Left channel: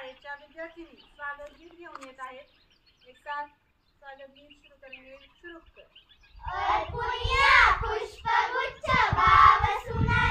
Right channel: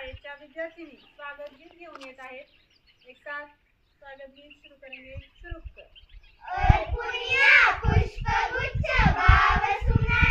शाळेच्या विद्यार्थिनी स्वागत गीत घेऊन येत आहेत। एक साथ स्वागत गीत शुरू करेंगे। शुरू कर। और पुनिया पुष्पगुच्छ भाव सुना